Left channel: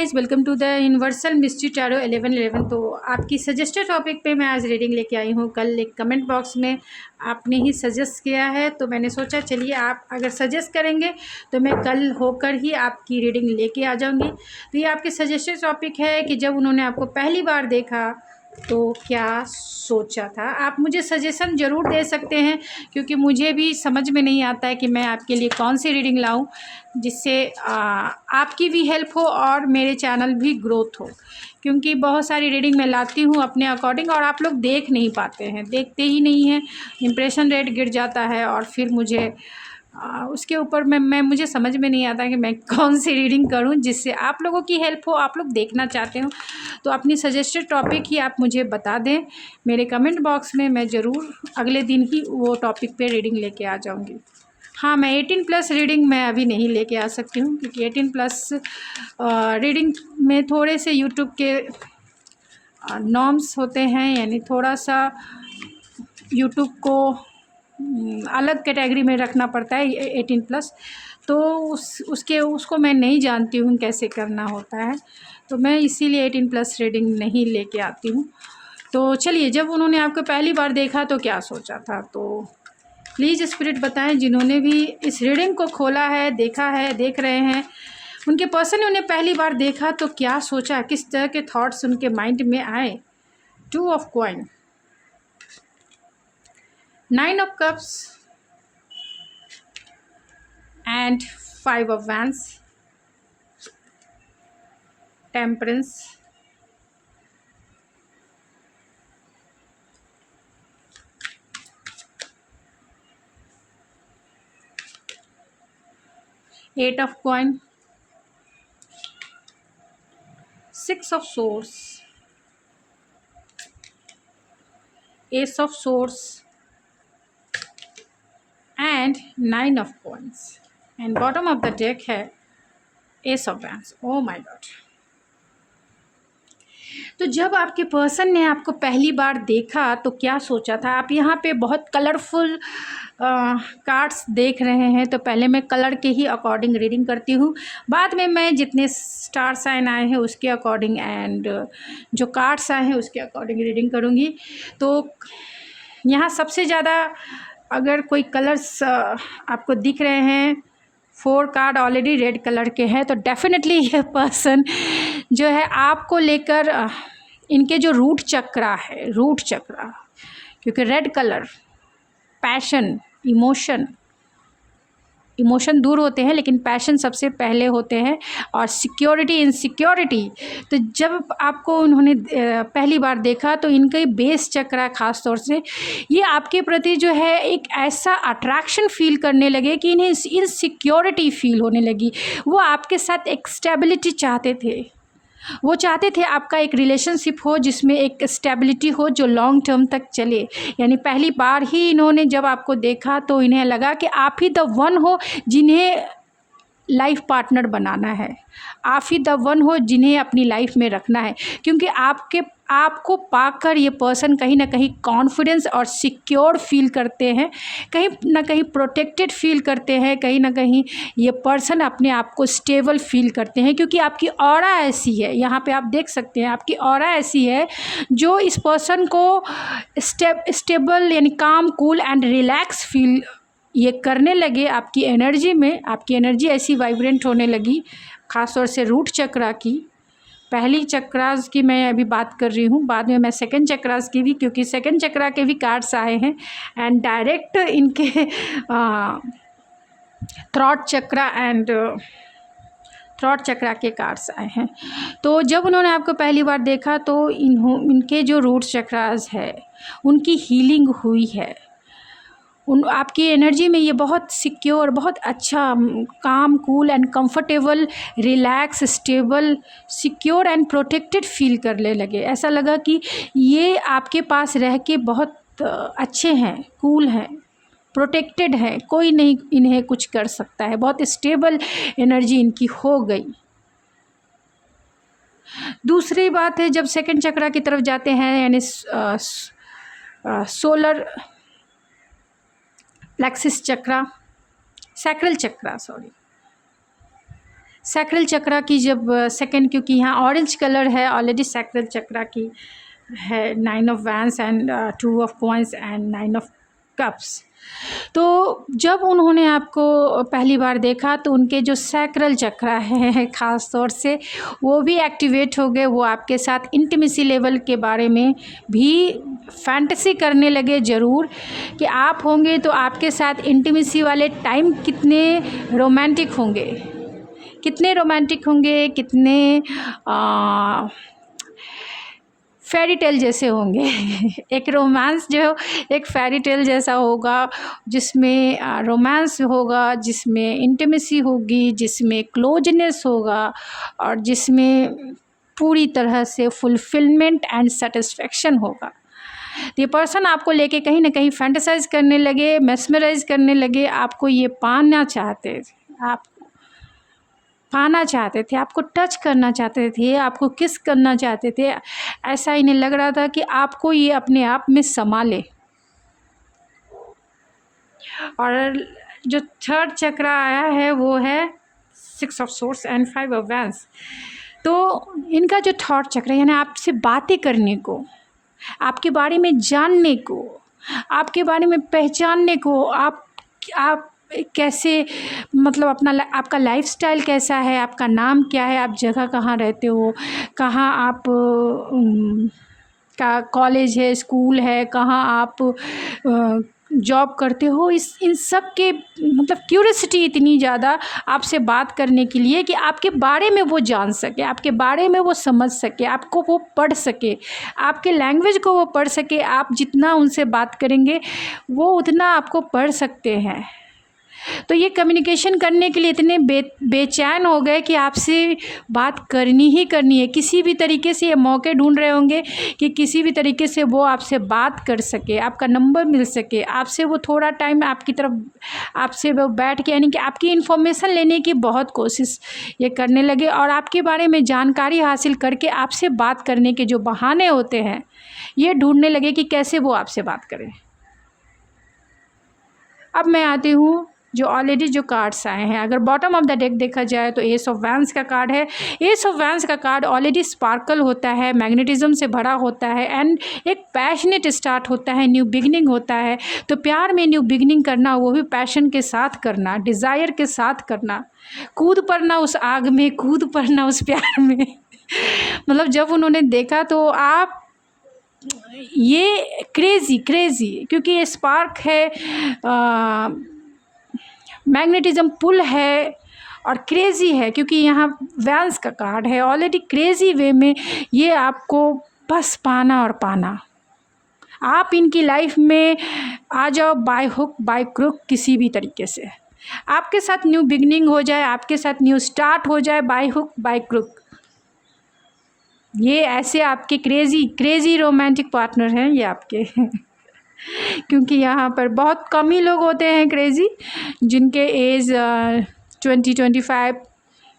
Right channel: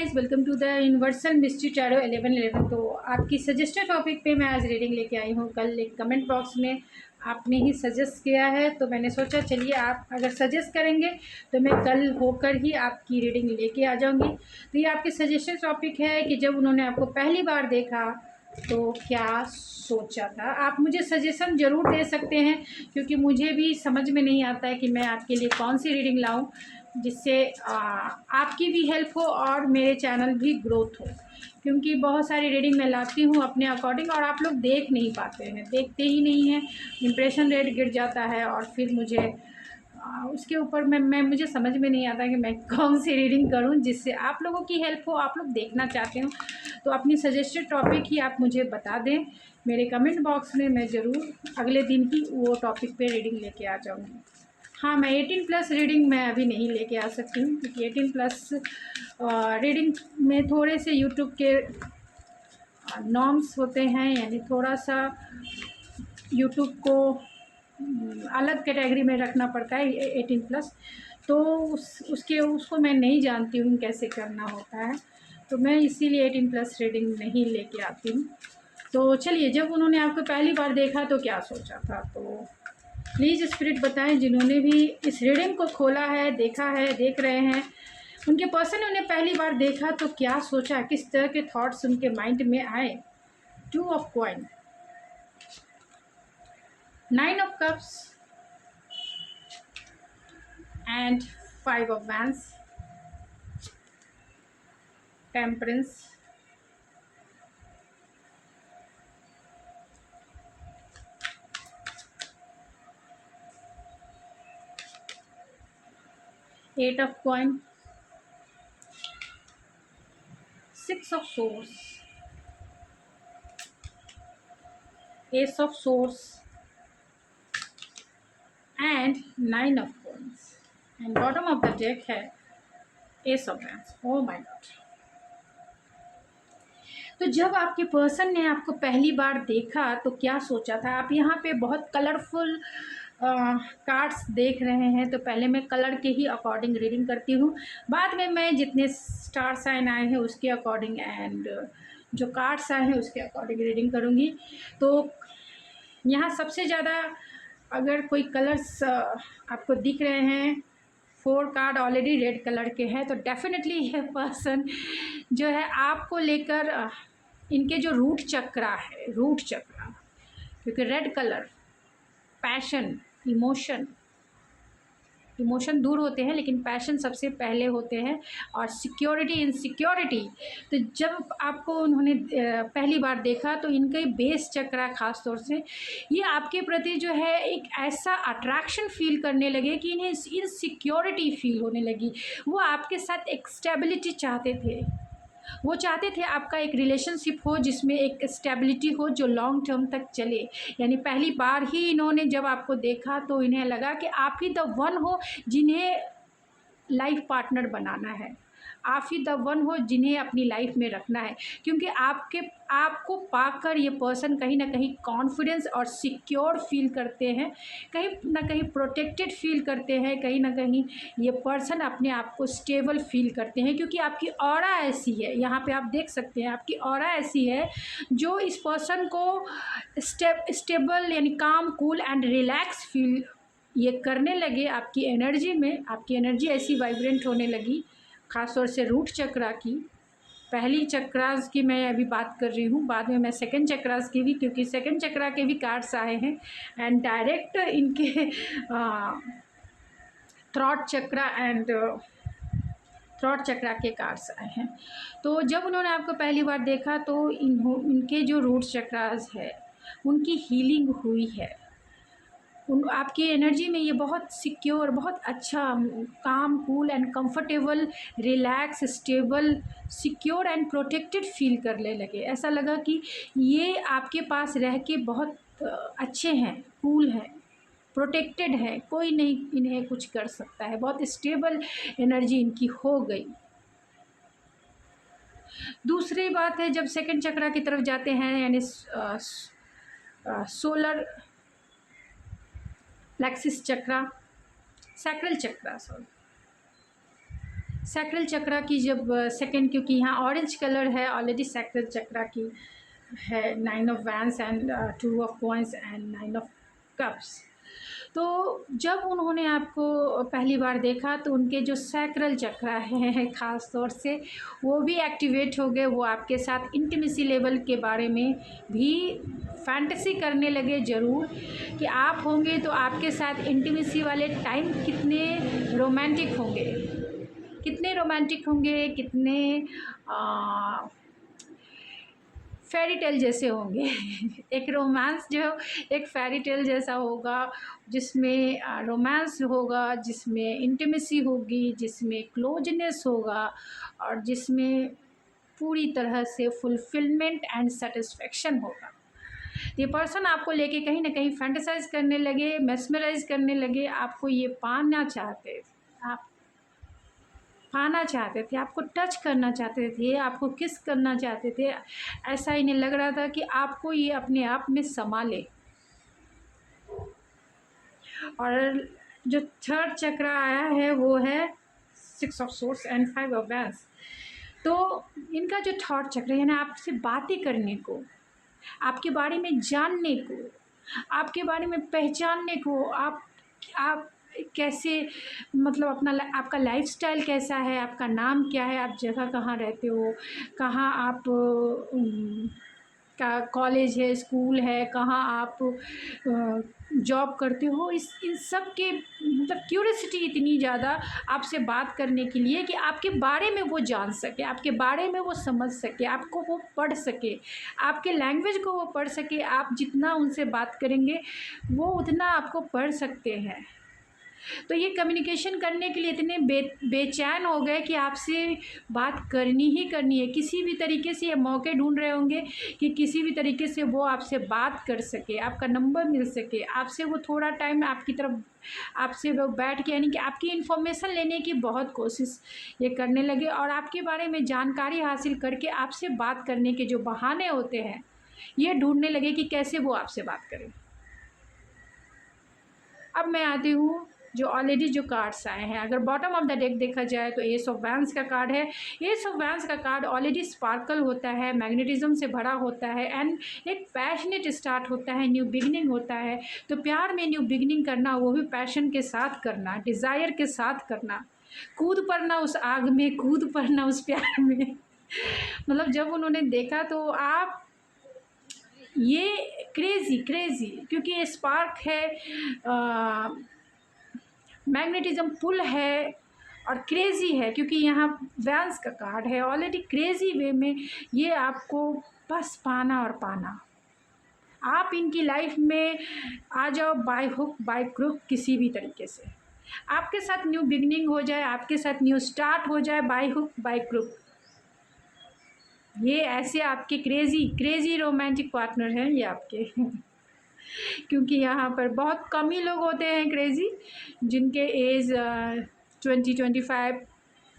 Guys, welcome to the universal mystery tarot 1111। तो आपकी suggested topic पे मैं आज रीडिंग लेके आई हूँ। कल एक कमेंट बॉक्स में आपने ही सजेस्ट किया है, तो मैंने सोचा चलिए आप अगर सजेस्ट करेंगे तो मैं कल होकर ही आपकी रीडिंग लेके आ जाऊँगी। तो ये आपके सजेस्टेड टॉपिक है कि जब उन्होंने आपको पहली बार देखा तो क्या सोचा था। आप मुझे सजेशन ज़रूर दे सकते हैं, क्योंकि मुझे भी समझ में नहीं आता है कि मैं आपके लिए कौन सी रीडिंग लाऊं जिससे आपकी भी हेल्प हो और मेरे चैनल भी ग्रोथ हो। क्योंकि बहुत सारी रीडिंग मैं लाती हूं अपने अकॉर्डिंग और आप लोग देख नहीं पाते हैं, देखते ही नहीं हैं, इम्प्रेशन रेट गिर जाता है और फिर मुझे उसके ऊपर मुझे समझ में नहीं आता कि मैं कौन सी रीडिंग करूं जिससे आप लोगों की हेल्प हो, आप लोग देखना चाहते हो। तो अपनी सजेस्टेड टॉपिक ही आप मुझे बता दें मेरे कमेंट बॉक्स में, मैं ज़रूर अगले दिन ही वो टॉपिक पे रीडिंग लेके आ जाऊंगी। हाँ, मैं 18+ रीडिंग मैं अभी नहीं लेके आ सकती हूँ, क्योंकि 18+ रीडिंग में थोड़े से यूट्यूब के नॉर्म्स होते हैं, यानी थोड़ा सा यूट्यूब को अलग कैटेगरी में रखना पड़ता है 18+। तो उसको मैं नहीं जानती हूँ कैसे करना होता है, तो मैं इसीलिए 18+ रीडिंग नहीं लेके आती हूँ। तो चलिए, जब उन्होंने आपको पहली बार देखा तो क्या सोचा था, तो प्लीज़ स्पिरिट बताएं। जिन्होंने भी इस रीडिंग को खोला है, देखा है, देख रहे हैं, उनके पर्सन ने उन्हें पहली बार देखा तो क्या सोचा, किस तरह के थॉट्स उनके माइंड में आए। 2 of coin, 9 of cups and 5 of wands, temperance, eight of coin, 6 of swords, ace of swords and 9 of coins. And bottom of the deck है ace of wands. Oh my god. तो जब आपके person ने आपको पहली बार देखा तो क्या सोचा था। आप यहाँ पे बहुत कलरफुल कार्ड्स देख रहे हैं, तो पहले मैं कलर के ही अकॉर्डिंग रीडिंग करती हूँ, बाद में मैं जितने स्टार साइन आए हैं उसके अकॉर्डिंग एंड जो कार्ड्स आए हैं उसके अकॉर्डिंग रीडिंग करूँगी। तो यहाँ सबसे ज़्यादा अगर कोई कलर्स आपको दिख रहे हैं, 4 कार्ड ऑलरेडी रेड कलर के हैं, तो डेफिनेटली ये पर्सन जो है आपको लेकर इनके जो रूट चक्रा है, रूट चक्रा, क्योंकि रेड कलर पैशन, इमोशन दूर होते हैं लेकिन पैशन सबसे पहले होते हैं, और सिक्योरिटी, इनसिक्योरिटी। तो जब आपको उन्होंने पहली बार देखा तो इनका बेस चक्रा खास तौर से ये आपके प्रति जो है एक ऐसा अट्रैक्शन फील करने लगे कि इन्हें इनसिक्योरिटी फील होने लगी। वो आपके साथ एक स्टेबिलिटी चाहते थे, वो चाहते थे आपका एक रिलेशनशिप हो जिसमें एक स्टेबिलिटी हो जो लॉन्ग टर्म तक चले। यानी पहली बार ही इन्होंने जब आपको देखा तो इन्हें लगा कि आप ही द वन हो जिन्हें लाइफ पार्टनर बनाना है, आप ही द वन हो जिन्हें अपनी लाइफ में रखना है। क्योंकि आपको पाकर ये पर्सन कहीं ना कहीं कॉन्फिडेंस और सिक्योर फील करते हैं, कहीं ना कहीं प्रोटेक्टेड फील करते हैं, कहीं ना कहीं ये पर्सन अपने आप को स्टेबल फील करते हैं, क्योंकि आपकी ऑरा ऐसी है। यहाँ पे आप देख सकते हैं आपकी ऑरा ऐसी है जो इस पर्सन को स्टेबल यानी काम, कूल एंड रिलैक्स फील ये करने लगे। आपकी एनर्जी में, आपकी एनर्जी ऐसी वाइब्रेंट होने लगी, ख़ास तौर से रूट चक्रा की। पहली चक्रास की मैं अभी बात कर रही हूँ, बाद में मैं सेकंड चक्रास की भी, क्योंकि सेकंड चक्रा के भी कार्ड्स आए हैं एंड डायरेक्ट इनके थ्रॉट चक्रा एंड थ्रॉट चक्रा के कार्ड्स आए हैं। तो जब उन्होंने आपको पहली बार देखा तो इनके जो रूट चक्रास है उनकी हीलिंग हुई है। आपकी एनर्जी में ये बहुत सिक्योर, बहुत अच्छा, काम, cool and comfortable, relax, stable, secure and protected feel करने लगे। ऐसा लगा कि ये आपके पास रह के बहुत अच्छे हैं, कूल हैं, प्रोटेक्टेड हैं, कोई नहीं इन्हें कुछ कर सकता है। बहुत स्टेबल एनर्जी इनकी हो गई। दूसरी बात है, जब सेकंड चक्रा की तरफ जाते हैं, यानी सोलर प्लेक्सिस चक्रा, सैक्रल चक्रा, सैक्रल चक्रा की जब सेकंड, क्योंकि यहाँ ऑरेंज कलर है ऑलरेडी सैक्रल चक्रा की है, 9 of vents and 2 of coins and 9 of cups. तो जब उन्होंने आपको पहली बार देखा तो उनके जो सैक्रल चक्रा है ख़ास तौर से वो भी एक्टिवेट हो गए। वो आपके साथ इंटीमेसी लेवल के बारे में भी फैंटेसी करने लगे ज़रूर, कि आप होंगे तो आपके साथ इंटीमेसी वाले टाइम कितने रोमांटिक होंगे, कितने रोमांटिक होंगे, कितने फेरी टेल जैसे होंगे। एक रोमांस जो एक फेरी टेल जैसा होगा, जिसमें रोमांस होगा, जिसमें इंटीमेसी होगी, जिसमें क्लोजनेस होगा और जिसमें पूरी तरह से फुलफिलमेंट एंड सेटिस्फेक्शन होगा। ये पर्सन आपको लेके कहीं ना कहीं फैंटेसाइज करने लगे, मेस्मराइज करने लगे, आपको ये पाना चाहते थे, आप पाना चाहते थे, आपको टच करना चाहते थे, आपको किस करना चाहते थे। ऐसा इन्हें लग रहा था कि आपको ये अपने आप में समा ले। और जो थर्ड चक्रा आया है वो है 6 of swords and 5 of vents. तो इनका जो थर्ड चक्र यानी आपसे बातें करने को, आपके बारे में जानने को, आपके बारे में पहचानने को, आप कैसे, मतलब अपना आपका लाइफस्टाइल कैसा है, आपका नाम क्या है, आप जगह कहाँ रहते हो, कहाँ आप का कॉलेज है, स्कूल है, कहाँ आप जॉब करते हो, इन सब के मतलब क्यूरियोसिटी इतनी ज़्यादा आपसे बात करने के लिए कि आपके बारे में वो जान सके, आपके बारे में वो समझ सके, आपको वो पढ़ सके, आपके लैंग्वेज को वो पढ़ सके। आप जितना उनसे बात करेंगे वो उतना आपको पढ़ सकते हैं। तो ये कम्युनिकेशन करने के लिए इतने बेचैन हो गए कि आपसे बात करनी ही करनी है। किसी भी तरीके से ये मौके ढूंढ रहे होंगे कि किसी भी तरीके से वो आपसे बात कर सके, आपका नंबर मिल सके, आपसे वो थोड़ा टाइम आपकी तरफ, आपसे वो बैठ के, यानी कि आपकी इन्फॉर्मेशन लेने की बहुत कोशिश ये करने लगे और आपके बारे में जानकारी हासिल करके आपसे बात करने के जो बहाने होते हैं ये ढूंढने लगे कि कैसे वो आपसे बात करें। अब मैं आती हूँ जो ऑलरेडी जो कार्ड्स आए हैं। अगर बॉटम ऑफ द डेक देखा जाए तो एस ऑफ वैंस का कार्ड है। एस ऑफ वैंस का कार्ड ऑलरेडी स्पार्कल होता है, मैग्नेटिज्म से भरा होता है एंड एक पैशनेट स्टार्ट होता है, न्यू बिगनिंग होता है। तो प्यार में न्यू बिगनिंग करना, वो भी पैशन के साथ करना, डिज़ायर के साथ करना, कूद पड़ना उस आग में, कूद पड़ना उस प्यार में। मतलब जब उन्होंने देखा तो आप ये क्रेज़ी क्योंकि ये स्पार्क है, मैग्नेटिज्म पुल है और क्रेज़ी है क्योंकि यहाँ वैंस का कार्ड है। ऑलरेडी क्रेज़ी वे में ये आपको बस पाना और पाना। आप इनकी लाइफ में आ जाओ बाय हुक बाय क्रुक, किसी भी तरीके से आपके साथ न्यू बिगनिंग हो जाए, आपके साथ न्यू स्टार्ट हो जाए बाय हुक बाय क्रुक। ये ऐसे आपके क्रेज़ी रोमांटिक पार्टनर हैं ये आपके। क्योंकि यहाँ पर बहुत कम ही लोग होते हैं क्रेज़ी, जिनके एज 20-25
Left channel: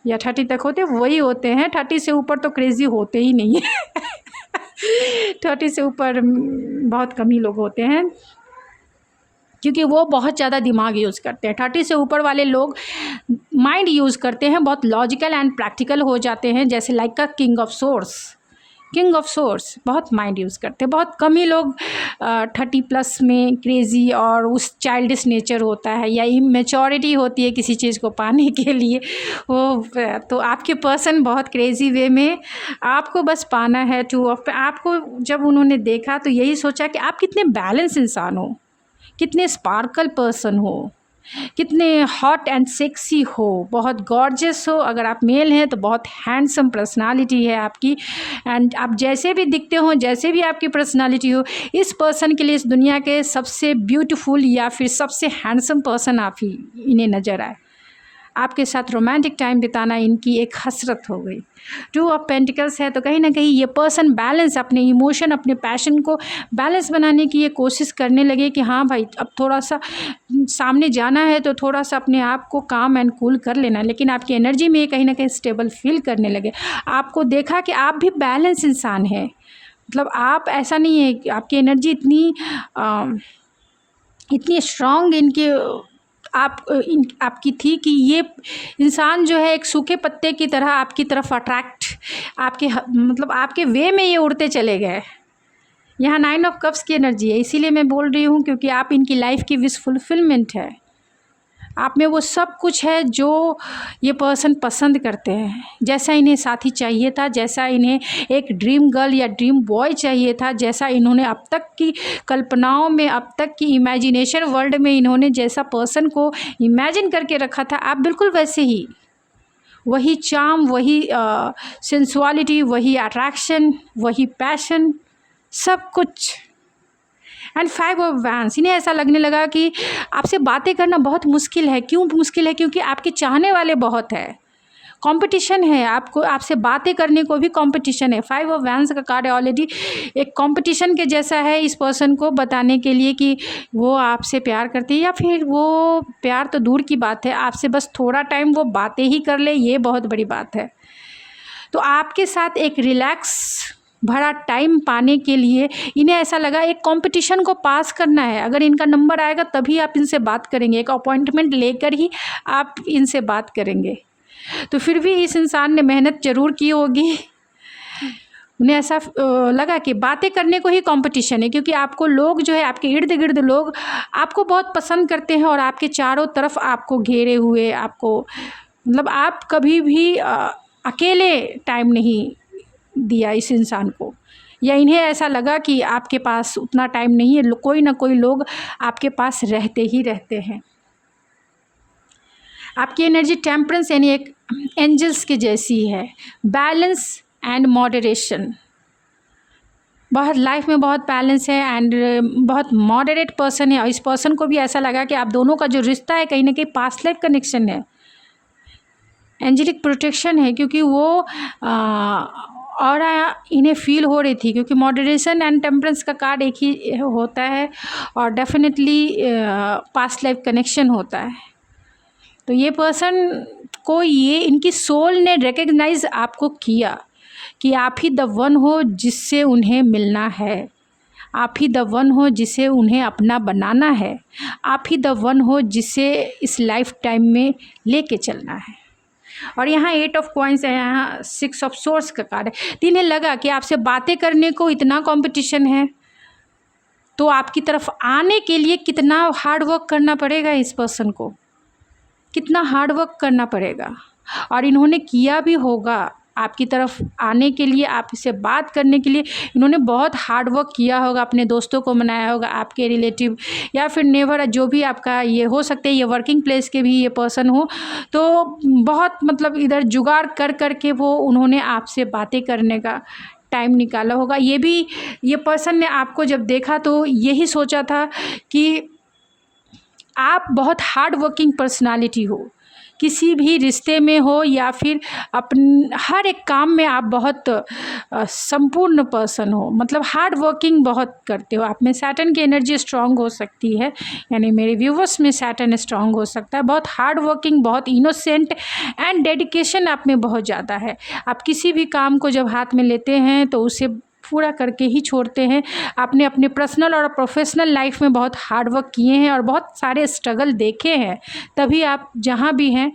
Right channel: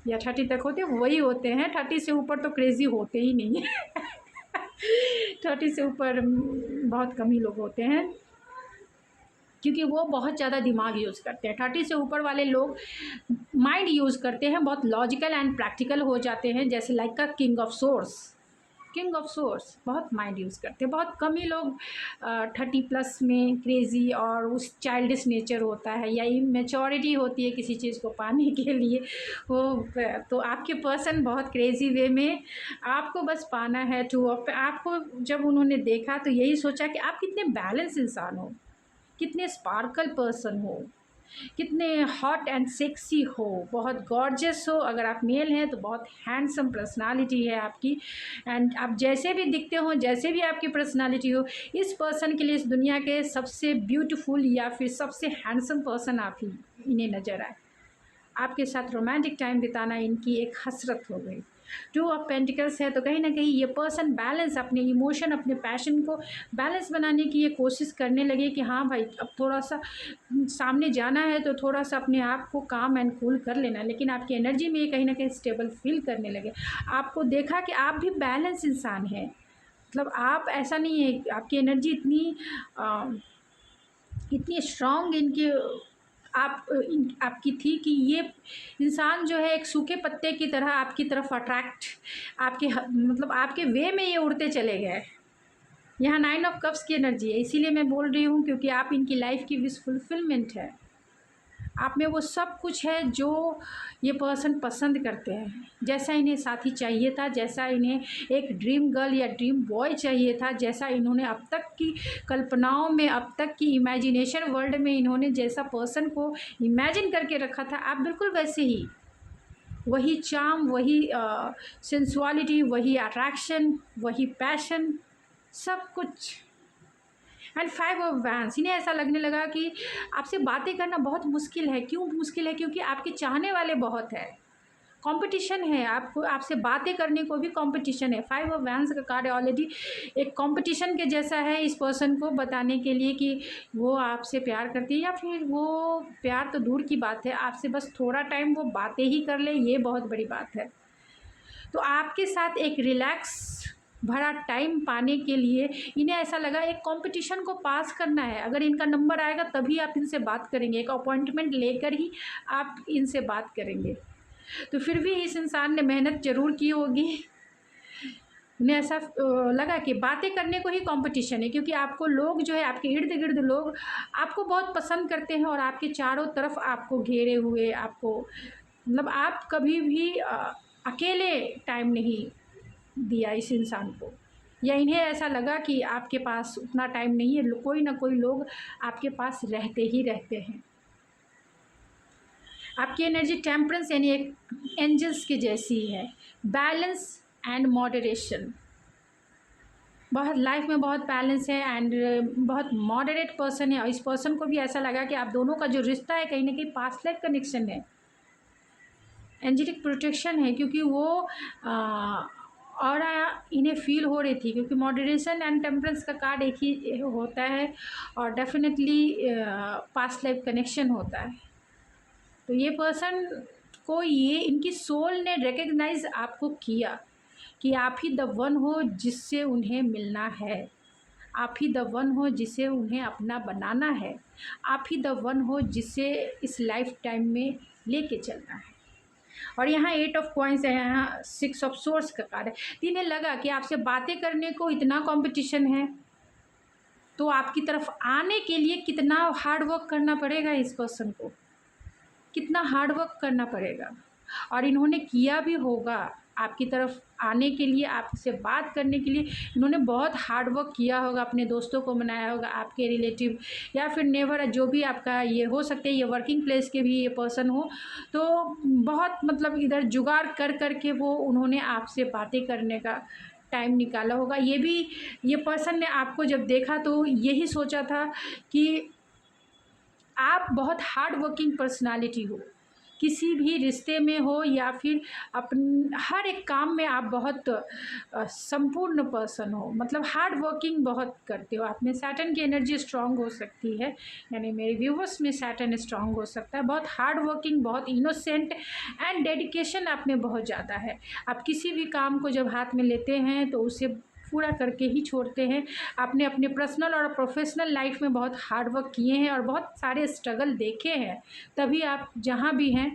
या 30 तक होते, वही होते हैं। 30 से ऊपर तो क्रेज़ी होते ही नहीं है। 30 से ऊपर बहुत कम ही लोग होते हैं क्योंकि वो बहुत ज़्यादा दिमाग यूज़ करते हैं। 30 से ऊपर वाले लोग माइंड यूज़ करते हैं, बहुत लॉजिकल एंड प्रैक्टिकल हो जाते हैं, जैसे लाइक का किंग ऑफ सोर्स बहुत माइंड यूज़ करते हैं। बहुत कम ही लोग 30+ में क्रेज़ी और उस चाइल्डिश नेचर होता है या इमेच्योरिटी होती है किसी चीज़ को पाने के लिए वो। तो आपके पर्सन बहुत क्रेज़ी वे में आपको बस पाना है। 2 ऑफ आपको जब उन्होंने देखा तो यही सोचा कि आप कितने बैलेंस इंसान हो, कितने स्पार्कल पर्सन हो, कितने हॉट एंड सेक्सी हो, बहुत गॉर्जियस हो। अगर आप मेल हैं तो बहुत हैंडसम पर्सनालिटी है आपकी एंड आप जैसे भी दिखते हो, जैसे भी आपकी पर्सनालिटी हो, इस पर्सन के लिए इस दुनिया के सबसे ब्यूटीफुल या फिर सबसे हैंडसम पर्सन आप ही इन्हें नज़र आए। आपके साथ रोमांटिक टाइम बिताना इनकी एक हसरत हो गई। 2 ऑफ पेंटिकल्स है तो कहीं ना कहीं ये पर्सन बैलेंस, अपने इमोशन, अपने पैशन को बैलेंस बनाने की ये कोशिश करने लगे कि हाँ भाई अब थोड़ा सा सामने जाना है तो थोड़ा सा अपने आप को काम एंड कूल कर लेना। लेकिन आपकी एनर्जी में कहीं ना कहीं स्टेबल फील करने लगे। आपको देखा कि आप भी बैलेंस इंसान हैं, मतलब आप ऐसा नहीं है, आपकी एनर्जी इतनी स्ट्रॉन्ग इनके आपकी थी कि ये इंसान जो है एक सूखे पत्ते की तरह आपकी तरफ अट्रैक्ट, आपके मतलब आपके वे में ये उड़ते चले गए। यहाँ 9 ऑफ कप्स की एनर्जी है, इसीलिए मैं बोल रही हूँ क्योंकि आप इनकी लाइफ की विश फुलफिलमेंट है। आप में वो सब कुछ है जो ये पर्सन पसंद करते हैं, जैसा इन्हें साथी चाहिए था, जैसा इन्हें एक ड्रीम गर्ल या ड्रीम बॉय चाहिए था, जैसा इन्होंने अब तक की कल्पनाओं में, अब तक की इमेजिनेशन वर्ल्ड में इन्होंने जैसा पर्सन को इमेजिन करके रखा था, आप बिल्कुल वैसे ही, वही चार्म, वही सेंसुअलिटी, वही अट्रैक्शन, वही पैशन, सब कुछ। एंड 5 ऑफ वैंड्स, इन्हें ऐसा लगने लगा कि आपसे बातें करना बहुत मुश्किल है। क्यों मुश्किल है? क्योंकि आपके चाहने वाले बहुत है, कंपटीशन है, आपको आपसे बातें करने को भी कंपटीशन है। 5 ऑफ वैंड्स का कार्ड ऑलरेडी एक कंपटीशन के जैसा है इस पर्सन को बताने के लिए कि वो आपसे प्यार करती है, या फिर वो प्यार तो दूर की बात है, आपसे बस थोड़ा टाइम वो बातें ही कर ले, ये बहुत बड़ी बात है। तो आपके साथ एक रिलैक्स भरा टाइम पाने के लिए इन्हें ऐसा लगा एक कंपटीशन को पास करना है। अगर इनका नंबर आएगा तभी आप इनसे बात करेंगे, एक अपॉइंटमेंट लेकर ही आप इनसे बात करेंगे। तो फिर भी इस इंसान ने मेहनत ज़रूर की होगी। उन्हें ऐसा लगा कि बातें करने को ही कंपटीशन है, क्योंकि आपको लोग जो है, आपके इर्द गिर्द लोग आपको बहुत पसंद करते हैं और आपके चारों तरफ आपको घेरे हुए, आपको मतलब आप कभी भी अकेले टाइम नहीं दिया इस इंसान को, या इन्हें ऐसा लगा कि आपके पास उतना टाइम नहीं है, कोई ना कोई लोग आपके पास रहते ही रहते हैं। आपकी एनर्जी टेम्परेंस यानी एक एंजल्स की जैसी है, बैलेंस एंड मॉडरेशन। बहुत लाइफ में बहुत बैलेंस है एंड बहुत मॉडरेट पर्सन है, और इस पर्सन को भी ऐसा लगा कि आप दोनों का जो रिश्ता है कहीं ना कहीं पास्ट लाइफ कनेक्शन है, एंजेलिक प्रोटेक्शन है, क्योंकि वो और इन्हें फील हो रही थी, क्योंकि मॉडरेशन एंड टेम्परेंस का कार्ड एक ही होता है और डेफिनेटली पास्ट लाइफ कनेक्शन होता है। तो ये पर्सन को ये इनकी सोल ने रिकग्नाइज आपको किया कि आप ही द वन हो जिससे उन्हें मिलना है, आप ही द वन हो जिसे उन्हें अपना बनाना है, आप ही द वन हो जिसे इस लाइफ टाइम में लेके चलना है। और यहाँ 8 ऑफ कॉइन्स है, यहाँ 6 ऑफ सोर्स का कार्ड है। तो इन्हें लगा कि आपसे बातें करने को इतना कंपटीशन है, तो आपकी तरफ आने के लिए कितना हार्ड वर्क करना पड़ेगा, इस पर्सन को कितना हार्ड वर्क करना पड़ेगा, और इन्होंने किया भी होगा। आपकी तरफ आने के लिए, आपसे बात करने के लिए इन्होंने बहुत हार्ड वर्क किया होगा, अपने दोस्तों को मनाया होगा, आपके रिलेटिव या फिर नेबर, जो भी आपका ये हो सकते हैं, ये वर्किंग प्लेस के भी ये पर्सन हो, तो बहुत मतलब इधर जुगाड़ कर कर के वो उन्होंने आपसे बातें करने का टाइम निकाला होगा। ये पर्सन ने आपको जब देखा तो यही सोचा था कि आप बहुत हार्ड वर्किंग पर्सनालिटी हो, किसी भी रिश्ते में हो या फिर हर एक काम में आप बहुत संपूर्ण पर्सन हो, मतलब हार्ड वर्किंग बहुत करते हो। आप में सैटर्न की एनर्जी स्ट्रांग हो सकती है, यानी मेरे व्यूवर्स में सैटर्न स्ट्रांग हो सकता है। बहुत हार्ड वर्किंग, बहुत इनोसेंट एंड डेडिकेशन आप में बहुत ज़्यादा है। आप किसी भी काम को जब हाथ में लेते हैं तो उसे पूरा करके ही छोड़ते हैं। आपने अपने पर्सनल और प्रोफेशनल लाइफ में बहुत हार्ड वर्क किए हैं और बहुत सारे स्ट्रगल देखे हैं, तभी आप जहाँ भी हैं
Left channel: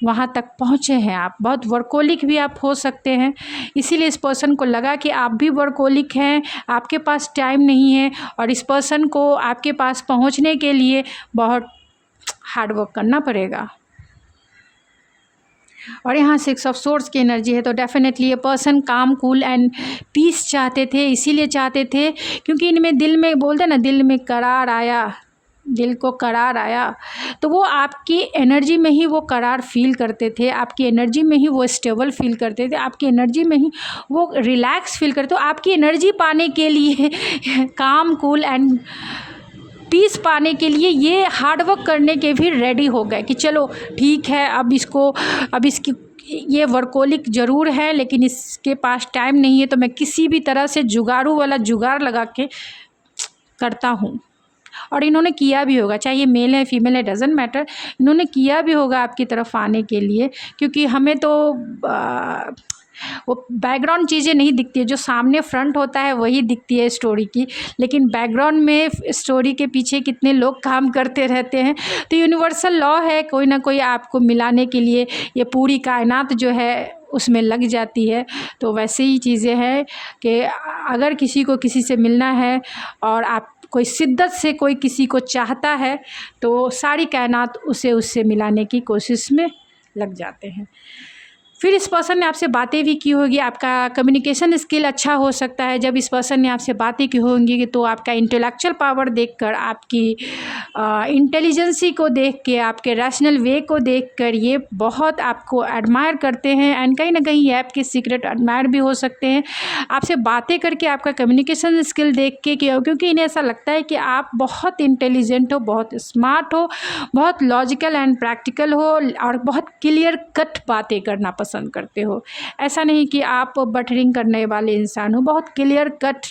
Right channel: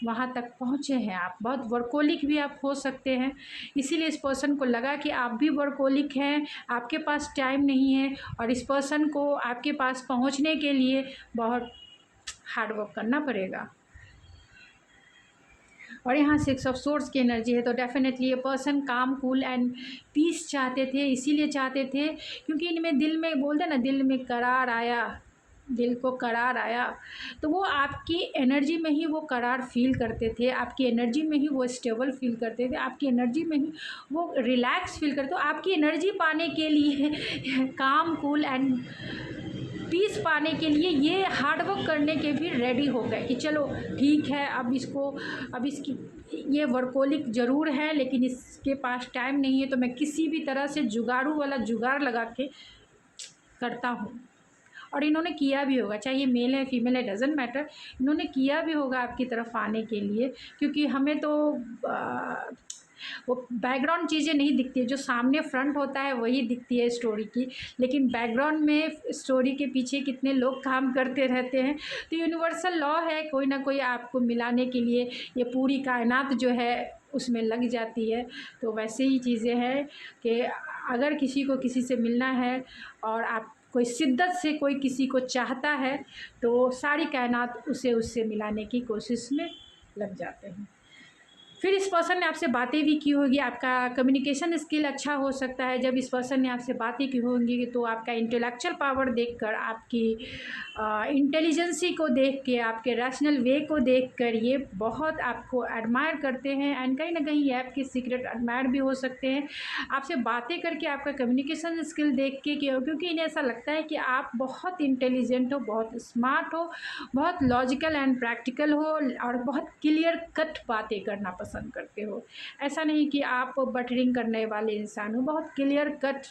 वहाँ तक पहुँचे हैं। आप बहुत वर्कोलिक भी आप हो सकते हैं, इसीलिए इस पर्सन को लगा कि आप भी वर्कोलिक हैं, आपके पास टाइम नहीं है, और इस पर्सन को आपके पास पहुँचने के लिए बहुत हार्ड वर्क करना पड़ेगा। और यहाँ 6 ऑफ सोर्ड्स की एनर्जी है, तो डेफिनेटली ये पर्सन काम, कूल एंड पीस चाहते थे। इसीलिए चाहते थे क्योंकि इनमें दिल में बोलते ना, दिल में करार आया, दिल को करार आया, तो वो आपकी एनर्जी में ही वो करार फील करते थे, आपकी एनर्जी में ही वो स्टेबल फील करते थे, आपकी एनर्जी में ही वो रिलैक्स फील करते। तो आपकी एनर्जी पाने के लिए काम, कूल एंड पीस पाने के लिए ये हार्डवर्क करने के भी रेडी हो गए कि चलो ठीक है, अब इसकी ये वर्कोलिक ज़रूर है लेकिन इसके पास टाइम नहीं है, तो मैं किसी भी तरह से जुगाड़ू वाला जुगाड़ लगा के करता हूँ। और इन्होंने किया भी होगा, चाहे ये मेल है फीमेल है डजेंट मैटर, इन्होंने किया भी होगा आपकी तरफ आने के लिए, क्योंकि हमें तो वो बैकग्राउंड चीज़ें नहीं दिखती है, जो सामने फ्रंट होता है वही दिखती है स्टोरी की, लेकिन बैकग्राउंड में स्टोरी के पीछे कितने लोग काम करते रहते हैं। तो यूनिवर्सल लॉ है, कोई ना कोई आपको मिलाने के लिए ये पूरी कायनात जो है उसमें लग जाती है। तो वैसे ही चीज़ें हैं कि अगर किसी को किसी से मिलना है और आप कोई शिद्दत से कोई किसी को चाहता है तो सारी कायनात उसे उससे मिलाने की कोशिश में लग जाते हैं। फिर इस पर्सन ने आपसे बातें भी की होगी, आपका कम्युनिकेशन स्किल अच्छा हो सकता है। जब इस पर्सन ने आपसे बातें की होंगी तो आपका इंटेलेक्चुअल पावर देखकर, आपकी इंटेलिजेंसी को देख के, आपके रैशनल वे को देखकर ये बहुत आपको एडमायर करते हैं। एंड कहीं ना कहीं ये आपके सीक्रेट एडमायर भी हो सकते हैं आपसे बातें करके, आपका कम्युनिकेशन स्किल देख के, क्योंकि इन्हें ऐसा लगता है कि आप बहुत इंटेलिजेंट हो, बहुत स्मार्ट हो, बहुत लॉजिकल एंड प्रैक्टिकल हो और बहुत क्लियर कट बातें करना पसंद करते हो। ऐसा नहीं कि आप बटरिंग करने वाले इंसान हो, बहुत क्लियर कट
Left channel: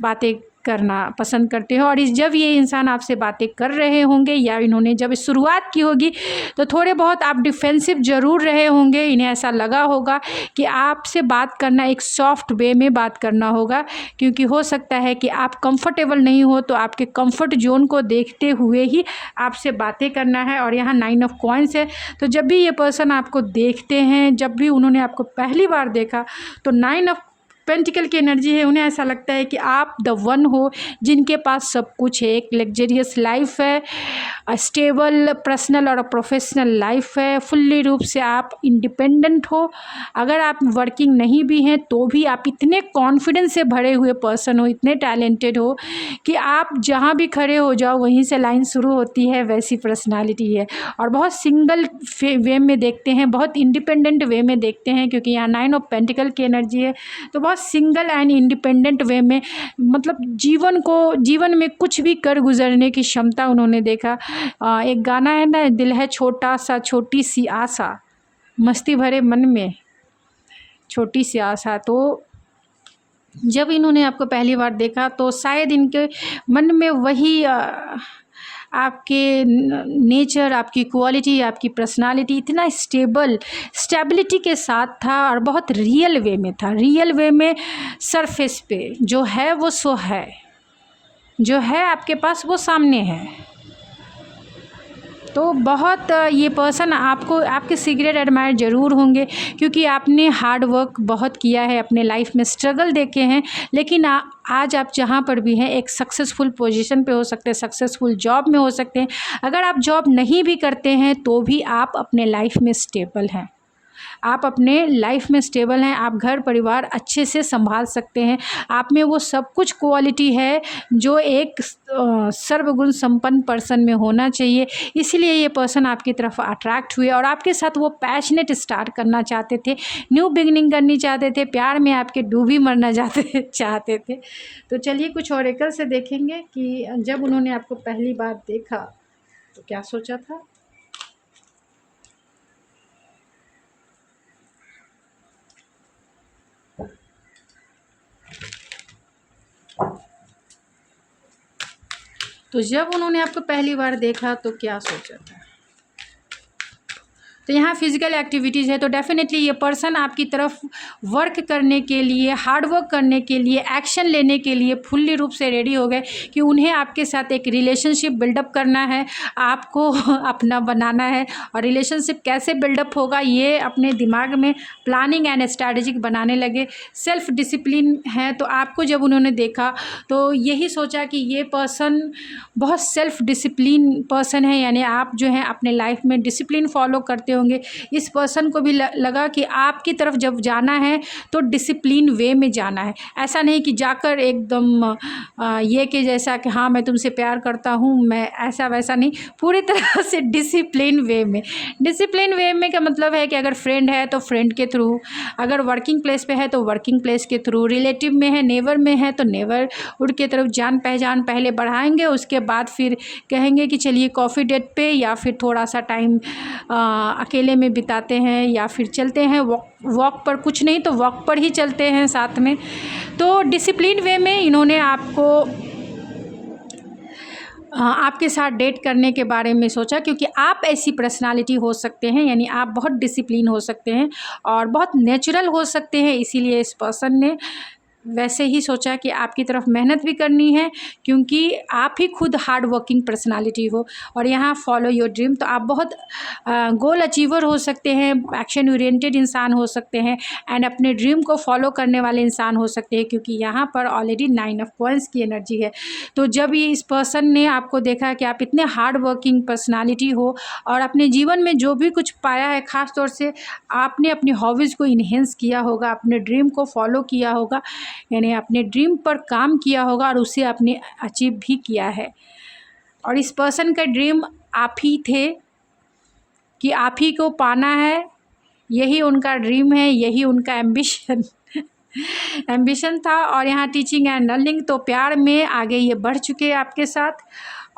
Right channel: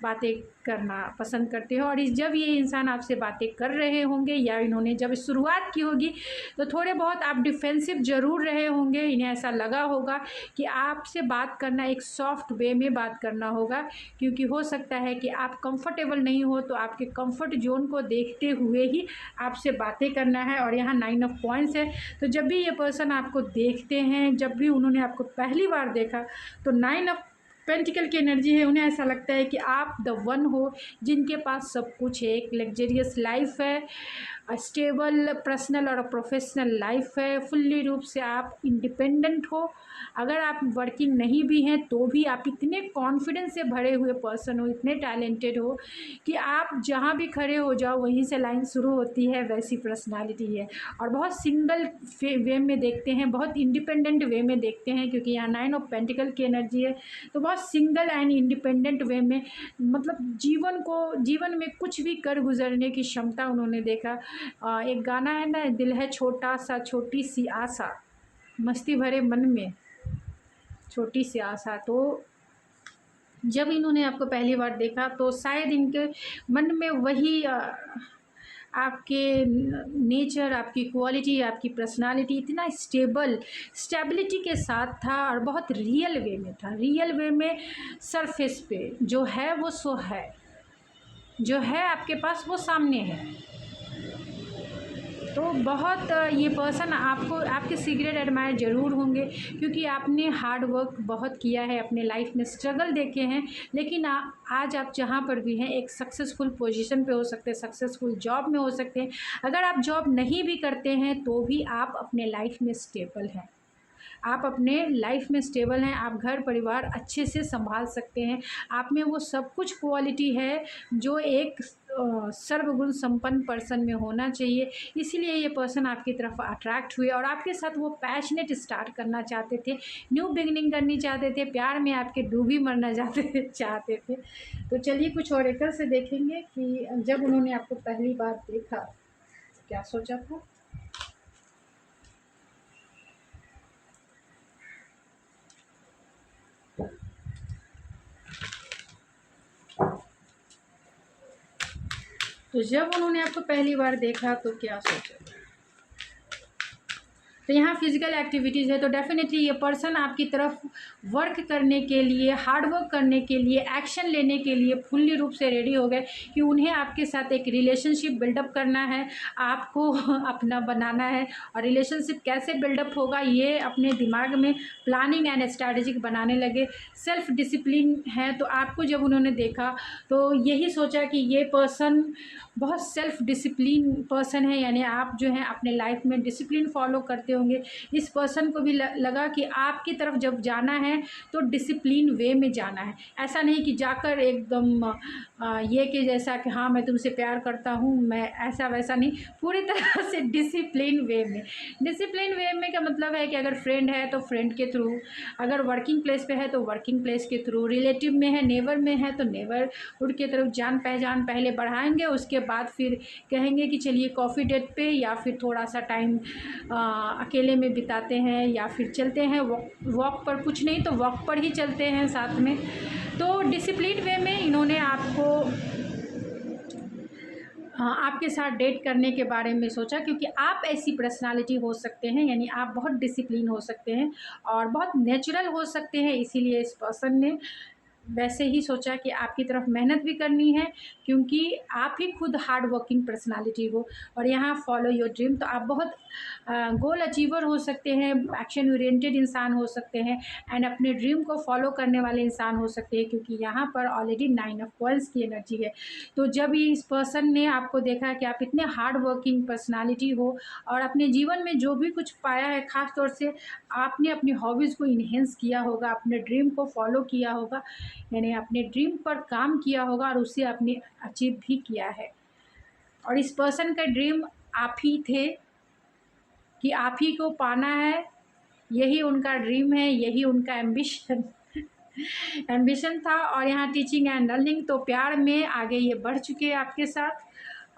बातें करना पसंद करते हो। और जब ये इंसान आपसे बातें कर रहे होंगे या इन्होंने जब शुरुआत की होगी तो थोड़े बहुत आप डिफेंसिव ज़रूर रहे होंगे। इन्हें ऐसा लगा होगा कि आपसे बात करना एक सॉफ्ट वे में बात करना होगा, क्योंकि हो सकता है कि आप कंफर्टेबल नहीं हो, तो आपके कंफर्ट जोन को देखते हुए ही आपसे बातें करना है। और यहाँ 9 ऑफ कॉइंस है, तो जब भी ये पर्सन आपको देखते हैं, जब भी उन्होंने आपको पहली बार देखा तो 9 ऑफ पेंटिकल की एनर्जी है। उन्हें ऐसा लगता है कि आप द वन हो जिनके पास सब कुछ है, एक लग्जरियस लाइफ है, स्टेबल पर्सनल और प्रोफेशनल लाइफ है, फुल्ली रूप से आप इंडिपेंडेंट हो। अगर आप वर्किंग नहीं भी हैं तो भी आप इतने कॉन्फिडेंस से भरे हुए पर्सन हो, इतने टैलेंटेड हो कि आप जहाँ भी खड़े हो जाओ वहीं से लाइन शुरू होती है, वैसी पर्सनालिटी है। और बहुत सिंगल वे में देखते हैं, बहुत इंडिपेंडेंट वे में देखते हैं, क्योंकि यहाँ 9 ऑफ पेंटिकल की एनर्जी है। तो बहुत सिंगल एंड इंडिपेंडेंट वे में, मतलब जीवन में कुछ भी कर गुजरने की क्षमता उन्होंने देखा। एक गाना है ना, दिल है छोटा सा छोटी सी आशा, मस्ती भरे मन में छोटी सी आशा। तो जब इन्होंने आपको पहली बार देखा तो शायद इनके मन में वही आपके नेचर, आपकी क्वालिटी, आपकी पर्सनालिटी इतना स्टेबिलिटी के साथ था और बहुत रियल वे में था। रियल वे में सरफेस पे जो है वो सो है, जो है आपके पास वो सामने है। तो बहुत ये पर्सन आपको, आपके सीक्रेट एडमायर ज़रूर होंगे, क्योंकि आपने हार्ड वर्क बहुत किया है, अपने लाइफ में स्ट्रगल देखे हैं। लेकिन आज आप जहाँ पर भी हैं एक सक्सेसफुल पोजीशन पे हो सकते हैं, सक्सेसफुल जॉब में हो सकते हैं। अगर आप जॉब नहीं भी करते हैं तो भी आप अपने लाइफ में स्टेबल हैं, आप अपने लाइफ में स्टेबल हैं, आप घर परिवार अच्छे से संभाल सकते हैं। आप में वो सब कुछ क्वालिटी है जो एक सर्वगुण संपन्न पर्सन में होना चाहिए। इसीलिए ये पर्सन आपकी तरफ अट्रैक्ट हुए और आपके साथ वो पैशनेट स्टार्ट करना चाहते थे, न्यू बिगनिंग करनी चाहते थे, प्यार में आपके डूबी मरना चाहते थे। तो चलिए कुछ ऑरेकल से देखेंगे कि जब उन्होंने आपको पहली बार देखा तो क्या सोचा था। तो जब उन्होंने आपको पहली बार देखा तो क्या सोचा था। तो यहाँ फिजिकल एक्टिविटीज़ है, तो डेफिनेटली ये पर्सन आपकी तरफ वर्क करने के लिए, हार्ड वर्क करने के लिए, एक्शन लेने के लिए फुल्ली रूप से रेडी हो गए कि उन्हें आपके साथ एक रिलेशनशिप बिल्डअप करना है, आपको अपना बनाना है। और रिलेशनशिप कैसे बिल्डअप होगा ये अपने दिमाग में प्लानिंग एंड स्ट्रैटेजिक बनाने लगे। सेल्फ डिसिप्लिन है, तो आपको जब उन्होंने देखा तो यही सोचा कि ये पर्सन बहुत सेल्फ डिसिप्लिन पर्सन है, यानी आप जो है अपने लाइफ में डिसिप्लिन फॉलो करते होंगे। इस पर्सन को भी लगा कि आपकी तरफ जब जाना है तो डिसिप्लिन वे में जाना है, ऐसा नहीं कि जाकर एकदम ये कि जैसा कि हाँ मैं तुमसे प्यार करता हूँ, मैं ऐसा वैसा नहीं, पूरी तरह से डिसिप्लिन वे में। डिसिप्लिन वे में का मतलब है कि अगर फ्रेंड है तो फ्रेंड के थ्रू, अगर वर्किंग प्लेस पे है तो वर्किंग प्लेस के थ्रू, रिलेटिव में है, नेबर में है तो नेबरहुड के तरफ जान पहचान पहले बढ़ाएंगे, उसके बाद फिर कहेंगे कि चलिए कॉफ़ी डेट पे, या फिर थोड़ा सा टाइम अकेले में बिताते हैं, या फिर चलते हैं वॉक पर, कुछ नहीं तो वॉक पर ही चलते हैं साथ में। तो डिसिप्लिन वे में इन्होंने आपको आपके साथ डेट करने के बारे में सोचा, क्योंकि आप ऐसी पर्सनालिटी हो सकते हैं, यानी आप बहुत डिसिप्लिन हो सकते हैं और बहुत नेचुरल हो सकते हैं। इसीलिए इस पर्सन ने वैसे ही सोचा कि आपकी तरफ मेहनत भी करनी है, क्योंकि आप ही खुद हार्ड वर्किंग पर्सनालिटी हो। और यहाँ फॉलो योर ड्रीम, तो आप बहुत गोल अचीवर हो सकते हैं, एक्शन ओरिएंटेड इंसान हो सकते हैं एंड अपने ड्रीम को फॉलो करने वाले इंसान हो सकते हैं, क्योंकि यहाँ पर ऑलरेडी 9 ऑफ कॉइंस की एनर्जी है। तो जब ये इस पर्सन ने आपको देखा कि आप इतने हार्ड वर्किंग पर्सनालिटी हो और अपने जीवन में जो भी कुछ पाया है, ख़ास तौर से आपने अपनी हॉबीज़ को इन्हेंस किया होगा, अपने ड्रीम को फॉलो किया होगा, यानी अपने ड्रीम पर काम किया होगा और उसे आपने अचीव भी किया है। और इस पर्सन का ड्रीम आप ही थे कि आप ही को पाना है, यही उनका ड्रीम है, यही उनका एम्बिशन था। और यहाँ टीचिंग एंड लर्निंग, तो प्यार में आगे ये बढ़ चुके हैं आपके साथ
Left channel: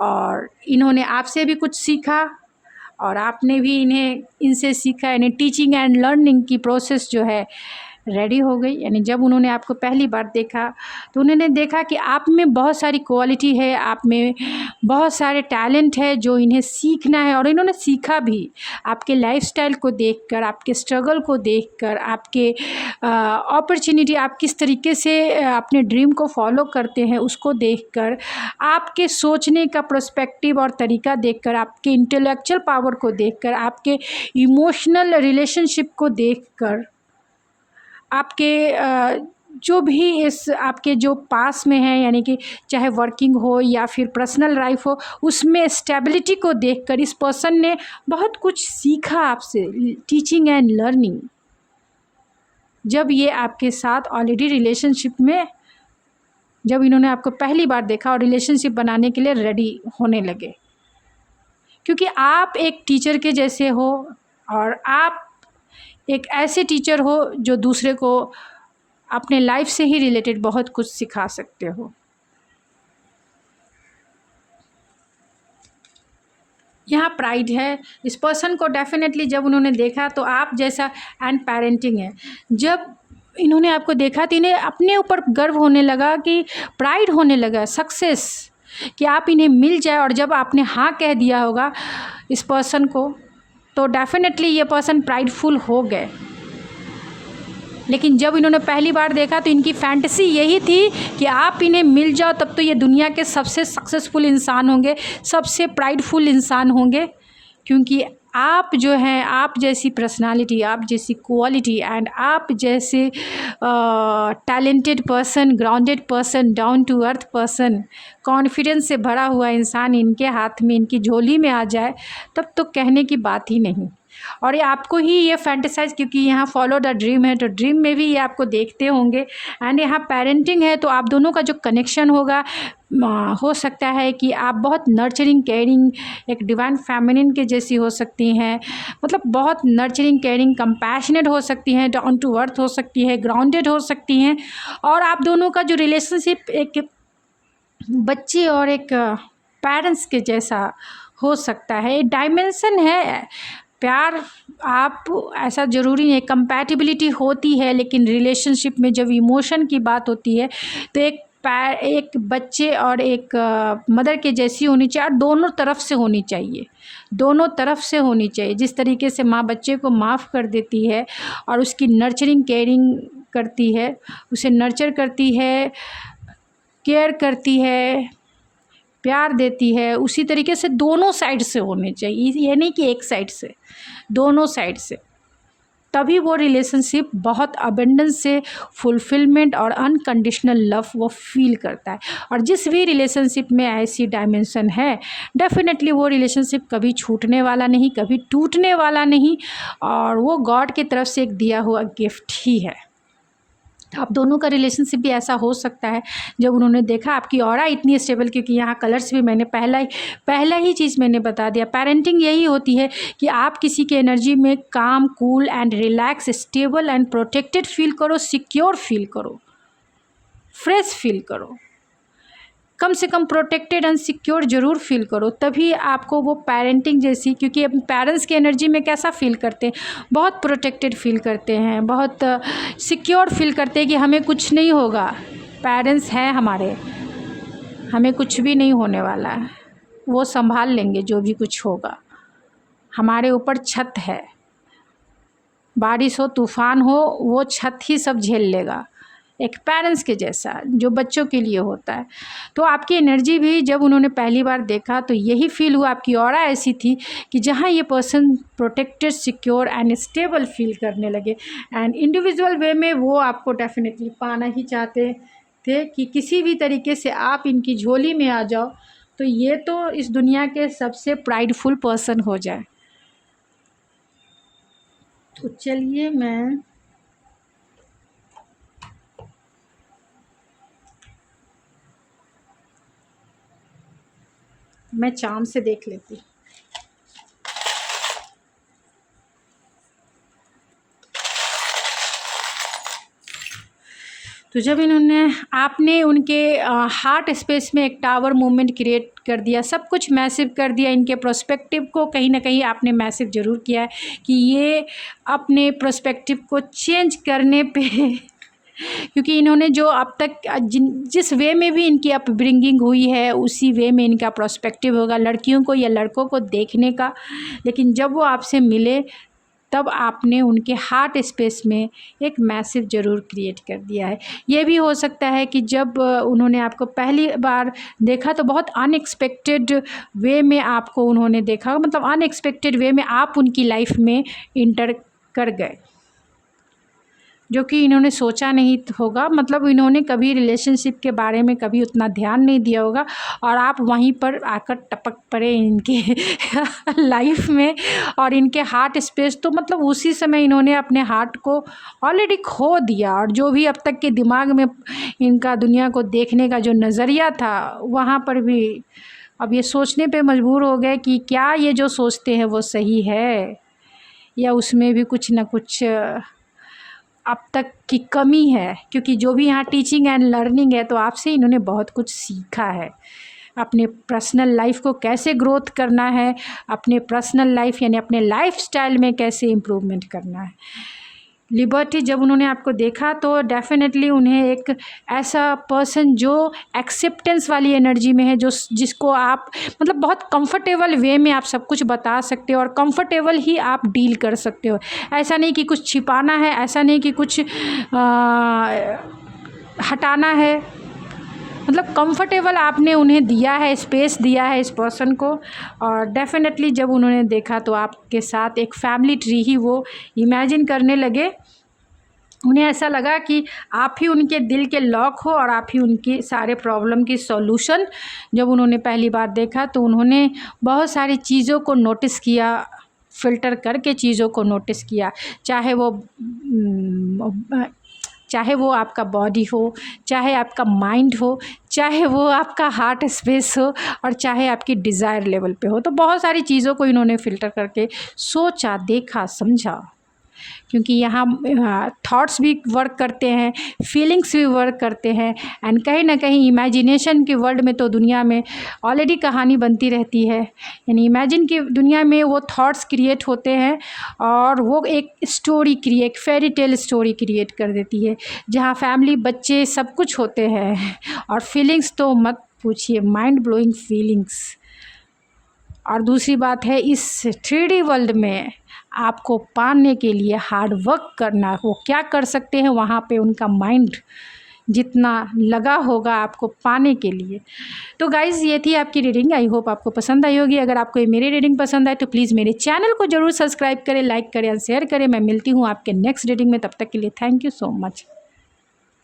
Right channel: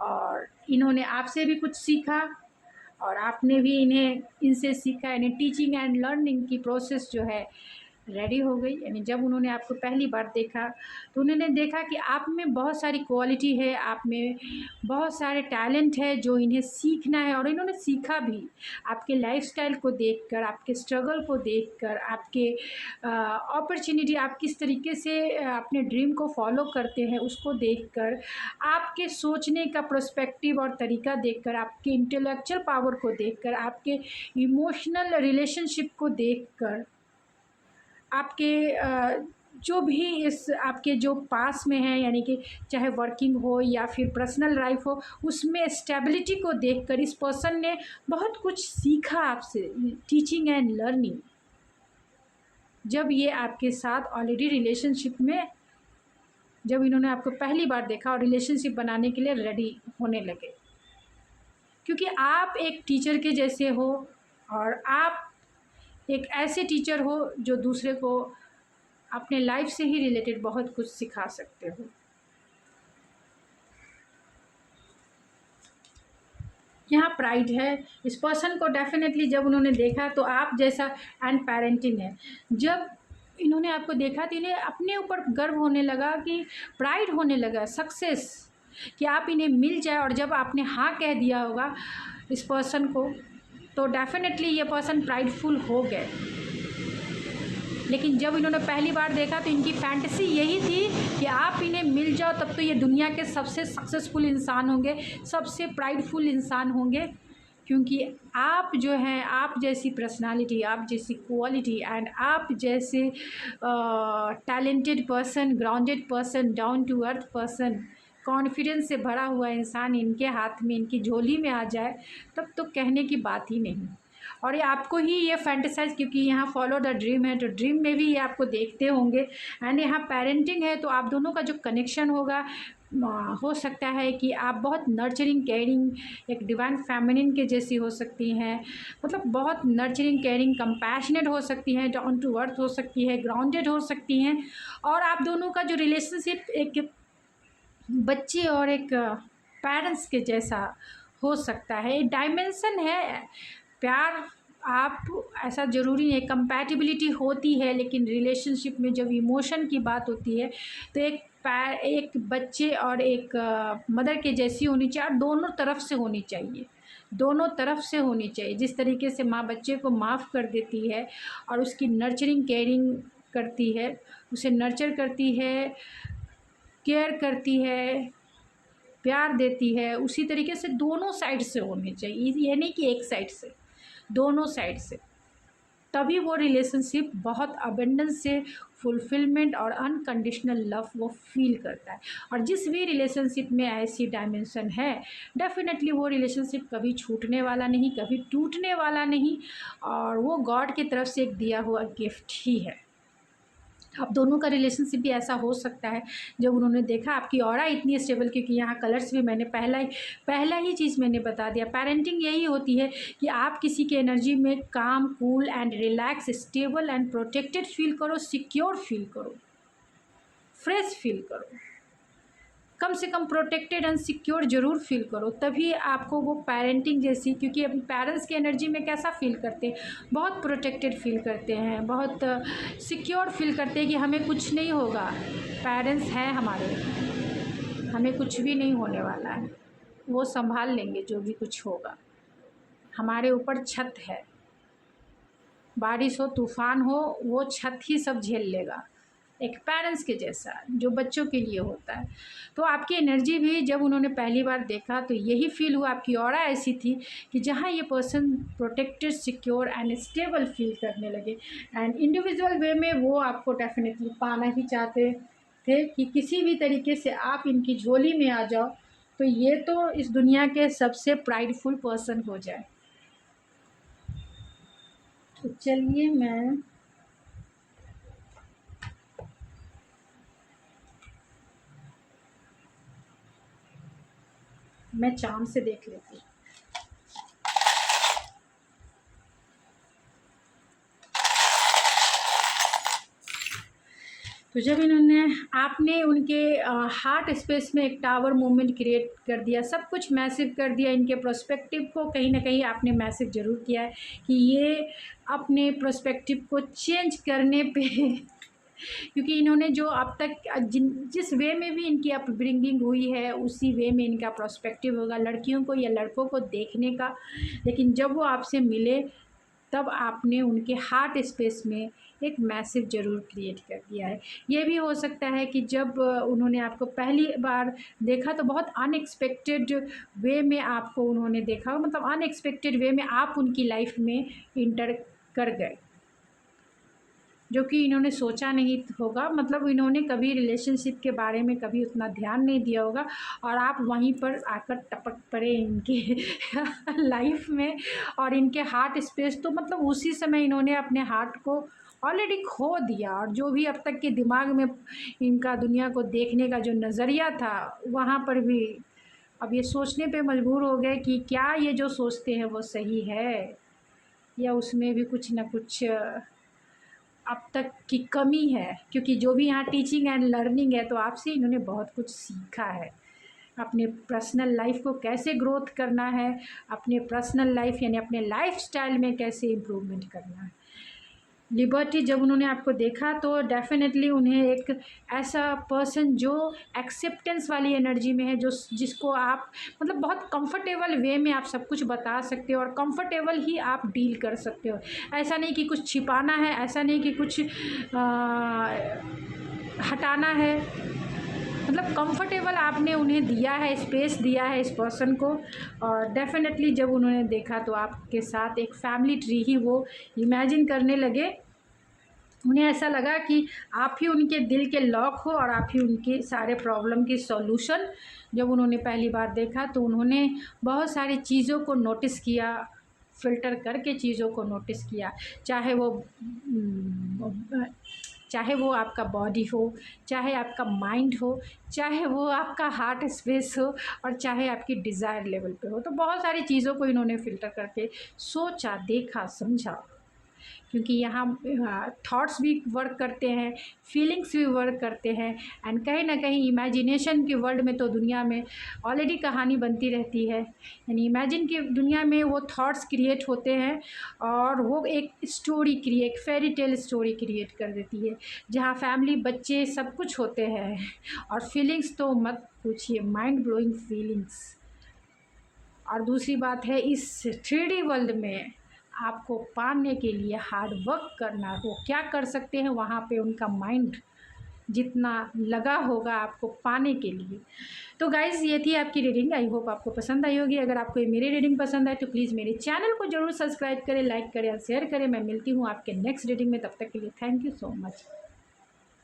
और इन्होंने आपसे भी कुछ सीखा और आपने भी इनसे सीखा, यानी टीचिंग एंड लर्निंग की प्रोसेस जो है रेडी हो गई। यानी जब उन्होंने आपको पहली बार देखा तो उन्होंने देखा कि आप में बहुत सारी क्वालिटी है, आप में बहुत सारे टैलेंट है जो इन्हें सीखना है, और इन्होंने सीखा भी। आपके लाइफस्टाइल को देखकर, आपके स्ट्रगल को देखकर, आपके अपॉर्चुनिटी, आप किस तरीके से अपने ड्रीम को फॉलो करते हैं उसको देखकर, आपके सोचने का पर्सपेक्टिव और तरीका देखकर, आपके इंटेलेक्चुअल पावर को देखकर, आपके इमोशनल रिलेशनशिप को देखकर, आपके जो भी इस आपके जो पास में है, यानी कि चाहे वर्किंग हो या फिर पर्सनल लाइफ हो, उसमें स्टेबिलिटी को देखकर इस पर्सन ने बहुत कुछ सीखा आपसे, टीचिंग एंड लर्निंग। जब ये आपके साथ ऑलरेडी रिलेशनशिप में, जब इन्होंने आपको पहली बार देखा और रिलेशनशिप बनाने के लिए रेडी होने लगे, क्योंकि आप एक टीचर के जैसे हो और आप एक ऐसे टीचर हो जो दूसरे को अपने लाइफ से ही रिलेटेड बहुत कुछ सिखा सकते हो। यहाँ प्राइड है इस पर्सन को डेफिनेटली। जब उन्होंने देखा तो आप जैसा, एंड पेरेंटिंग है, जब इन्होंने आपको देखा तो इन्हें अपने ऊपर गर्व होने लगा, कि प्राइड होने लगा, सक्सेस, कि आप इन्हें मिल जाए। और जब आपने हाँ कह दिया होगा इस पर्सन को, तो डेफिनेटली ये पर्सन प्राइडफुल हो गए। लेकिन जब इन्होंने पहली बार देखा तो इनकी फैंटेसी यही थी कि आप इन्हें मिल जाओ, तब तो ये दुनिया के सबसे सक्सेसफुल इंसान होंगे, सबसे प्राइडफुल इंसान होंगे, क्योंकि आप जो हैं, आप जैसी पर्सनालिटी, आप जैसी क्वालिटी एंड आप जैसे talented person, grounded person, down to earth person, confidence से भरा हुआ इंसान इनके हाथ में, इनकी झोली में आ जाए, तब तो कहने की बात ही नहीं। और ये आपको ही ये फैंटेसाइज, क्योंकि यहाँ फॉलो द ड्रीम है, तो ड्रीम में भी ये आपको देखते होंगे। एंड यहाँ पेरेंटिंग है, तो आप दोनों का जो कनेक्शन होगा, हो सकता है कि आप बहुत नर्चरिंग, केयरिंग, एक डिवाइन फेमिनिन के जैसी हो सकती हैं, मतलब बहुत नर्चरिंग, केयरिंग, कंपैशनेट हो सकती हैं, डाउन टू अर्थ हो सकती है, ग्राउंडेड हो सकती हैं। और आप दोनों का जो रिलेशनशिप एक बच्चे और एक पेरेंट्स के जैसा हो सकता है। डायमेंशन है प्यार, आप ऐसा ज़रूरी है, कंपैटिबिलिटी होती है, लेकिन रिलेशनशिप में जब इमोशन की बात होती है तो एक बच्चे और एक मदर के जैसी होनी चाहिए, और दोनों तरफ से होनी चाहिए, दोनों तरफ से होनी चाहिए। जिस तरीके से माँ बच्चे को माफ़ कर देती है और उसकी नर्चरिंग, केयरिंग करती है, उसे नर्चर करती है, केयर करती है, प्यार देती है, उसी तरीके से दोनों साइड से होने चाहिए। ये नहीं कि एक साइड से, दोनों साइड से, तभी वो रिलेशनशिप बहुत अबेंडेंस से, फुलफिलमेंट और अनकंडीशनल लव वो फील करता है। और जिस भी रिलेशनशिप में ऐसी डायमेंशन है, डेफिनेटली वो रिलेशनशिप कभी छूटने वाला नहीं, कभी टूटने वाला नहीं, और वो गॉड की तरफ से एक दिया हुआ गिफ्ट ही है। आप दोनों का रिलेशनशिप भी ऐसा हो सकता है। जब उन्होंने देखा आपकी ऑरा इतनी स्टेबल, क्योंकि यहाँ कलर्स भी मैंने पहला ही चीज़ मैंने बता दिया, पेरेंटिंग यही होती है कि आप किसी की एनर्जी में काम, cool and relax, stable and protected feel करो, सिक्योर फील करो, फ्रेश फील करो, कम से कम प्रोटेक्टेड एंड सिक्योर ज़रूर फील करो, तभी आपको वो पेरेंटिंग जैसी, क्योंकि अपने पेरेंट्स की एनर्जी में कैसा फील करते हैं, बहुत प्रोटेक्टेड फील करते हैं, बहुत सिक्योर फील करते हैं कि हमें कुछ नहीं होगा, पेरेंट्स हैं हमारे, हमें कुछ भी नहीं होने वाला है। वो संभाल लेंगे जो भी कुछ होगा। हमारे ऊपर छत है, बारिश हो तूफ़ान हो वो छत ही सब झेल लेगा, एक पेरेंट्स के जैसा जो बच्चों के लिए होता है। तो आपकी एनर्जी भी जब उन्होंने पहली बार देखा तो यही फील हुआ, आपकी ऑरा ऐसी थी कि जहाँ ये person protected, secure and stable feel करने लगे। एंड इंडिविजुअल वे में वो आपको डेफिनेटली पाना ही चाहते थे कि किसी भी तरीके से आप इनकी झोली में आ जाओ तो ये तो इस दुनिया के सबसे प्राइडफुल पर्सन हो जाए। तो चलिए मैं चाम से देख लेती हूँ। तो जब आपने उनके हार्ट स्पेस में एक टावर मूवमेंट क्रिएट कर दिया, सब कुछ मैसिव कर दिया, इनके प्रोस्पेक्टिव को कहीं ना कहीं आपने मैसिव ज़रूर किया है कि ये अपने प्रोस्पेक्टिव को चेंज करने पे क्योंकि इन्होंने जो अब तक जिस वे में भी इनकी अपब्रिंगिंग हुई है उसी वे में इनका प्रोस्पेक्टिव होगा लड़कियों को या लड़कों को देखने का। लेकिन जब वो आपसे मिले तब आपने उनके हार्ट स्पेस में एक मैसिव ज़रूर क्रिएट कर दिया है। ये भी हो सकता है कि जब उन्होंने आपको पहली बार देखा तो बहुत अनएक्सपेक्टेड वे में आपको उन्होंने देखा, मतलब अनएक्सपेक्टेड वे में आप उनकी लाइफ में इंटर कर गए, जो कि इन्होंने सोचा नहीं होगा। मतलब इन्होंने कभी रिलेशनशिप के बारे में कभी उतना ध्यान नहीं दिया होगा और आप वहीं पर आकर टपक पड़े इनके लाइफ में और इनके हार्ट स्पेस। तो मतलब उसी समय इन्होंने अपने हार्ट को ऑलरेडी खो दिया और जो भी अब तक के दिमाग में इनका दुनिया को देखने का जो नज़रिया था वहाँ पर भी अब ये सोचने पे मजबूर हो गए कि क्या ये जो सोचते हैं वो सही है या उसमें भी कुछ ना कुछ अब तक की कमी है। क्योंकि जो भी यहाँ टीचिंग एंड लर्निंग है तो आपसे इन्होंने बहुत कुछ सीखा है, अपने पर्सनल लाइफ को कैसे ग्रोथ करना है, अपने पर्सनल लाइफ यानी अपने लाइफस्टाइल में कैसे इम्प्रूवमेंट करना है। लिबर्टी जब उन्होंने आपको देखा तो डेफिनेटली उन्हें एक ऐसा पर्सन जो एक्सेप्टेंस वाली एनर्जी में है, जो जिसको आप मतलब बहुत कंफर्टेबल वे में आप सब कुछ बता सकते हो और कंफर्टेबल ही आप डील कर सकते हो। ऐसा नहीं कि कुछ छिपाना है, ऐसा नहीं कि कुछ हटाना है, मतलब कंफर्टेबल आपने उन्हें दिया है, स्पेस दिया है इस पर्सन को। और डेफिनेटली जब उन्होंने देखा तो आपके साथ एक फैमिली ट्री ही वो इमेजिन करने लगे। उन्हें ऐसा लगा कि आप ही उनके दिल के लॉक हो और आप ही उनके सारे प्रॉब्लम की सॉल्यूशन। जब उन्होंने पहली बार देखा तो उन्होंने बहुत सारी चीज़ों को नोटिस किया, फ़िल्टर करके चीज़ों को नोटिस किया, चाहे वो आपका बॉडी हो, चाहे आपका माइंड हो, चाहे वो आपका हार्ट स्पेस हो और चाहे आपकी डिज़ायर लेवल पे हो। तो बहुत सारी चीज़ों को इन्होंने फ़िल्टर करके सोचा, देखा, समझा। क्योंकि यहाँ थॉट्स भी वर्क करते हैं, फीलिंग्स भी वर्क करते हैं एंड कहीं ना कहीं इमेजिनेशन के वर्ल्ड में तो दुनिया में ऑलरेडी कहानी बनती रहती है। यानी इमेजिन की दुनिया में वो थॉट्स क्रिएट होते हैं और वो एक story create, fairy tale story create कर देती है जहाँ फैमिली, बच्चे सब कुछ होते हैं और फीलिंग्स तो मत पूछिए, माइंड ब्लोइंग फीलिंग्स। और दूसरी बात है इस 3D वर्ल्ड में आपको पाने के लिए हार्ड वर्क करना, वो क्या कर सकते हैं वहाँ पे उनका माइंड जितना लगा होगा आपको पाने के लिए। तो गाइज़ ये थी आपकी रीडिंग, आई होप आपको पसंद आई होगी। अगर आपको ये मेरी रीडिंग पसंद आए तो प्लीज़ मेरे चैनल को ज़रूर सब्सक्राइब करें, लाइक करें और शेयर करें। मैं मिलती हूँ आपके नेक्स्ट रीडिंग में, तब तक के लिए थैंक यू सो मच।